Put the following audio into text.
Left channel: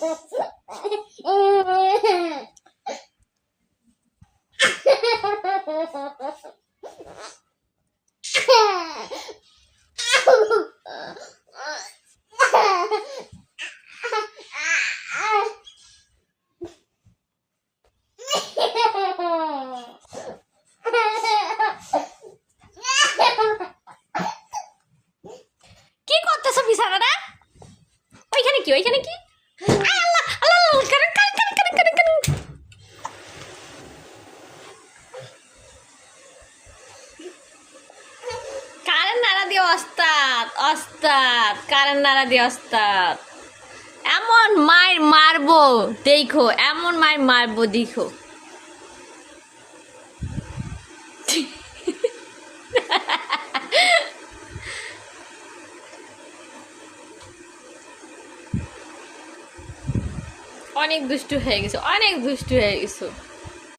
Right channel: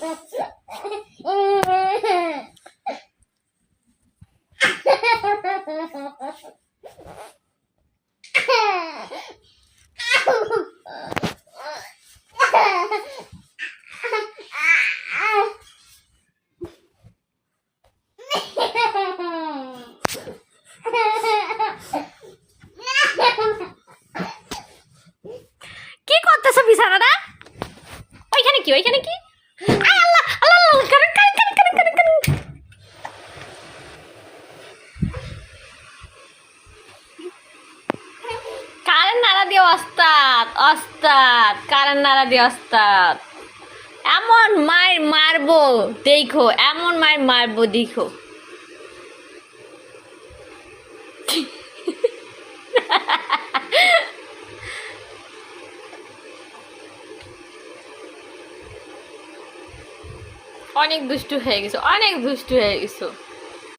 কি করতেছো বিছানাটা? ওইখানে কি ওইখানে কি? Allah Allah current current current current current current নাড়া দিয়ে ওস্তাদ ওস্তাদ কারেন্ট নাড়া দিয়ে ওস্তাদ এমন মার মারবো দেখো, এমন মার মারবো দেখো। অনেক দুষ্টু হয়ে গেছো, অনেক দুষ্টু হয়ে গেছো।